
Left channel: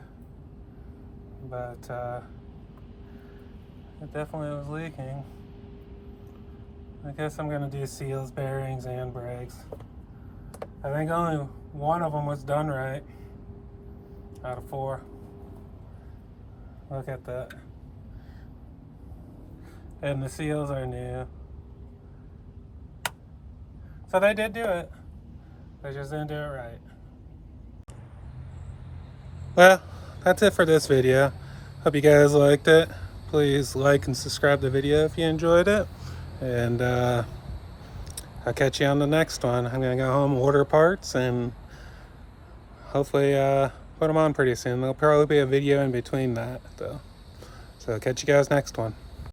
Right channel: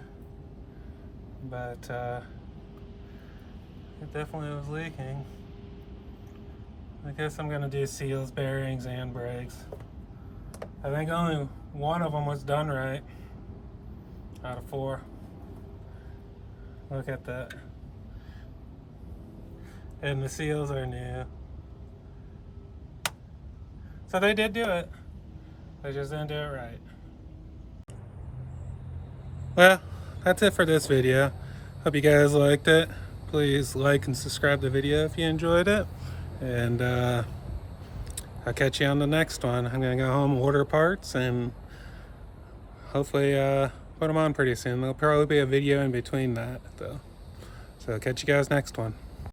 but it definitely was leaking. I guess I'm gonna do seals, bearings, and brakes. I think only one of them was done right out of 4. Look at that. And the seals are new. So they did do it. They just didn't do it right. Well, that's it for this video. Hope you guys liked it. Please like and subscribe to the video if you enjoyed it. And I'll catch you on the next one. I'm gonna go home, order parts, and hopefully put them on pretty soon. There'll probably be a video in between that though. So I'll catch you guys next one.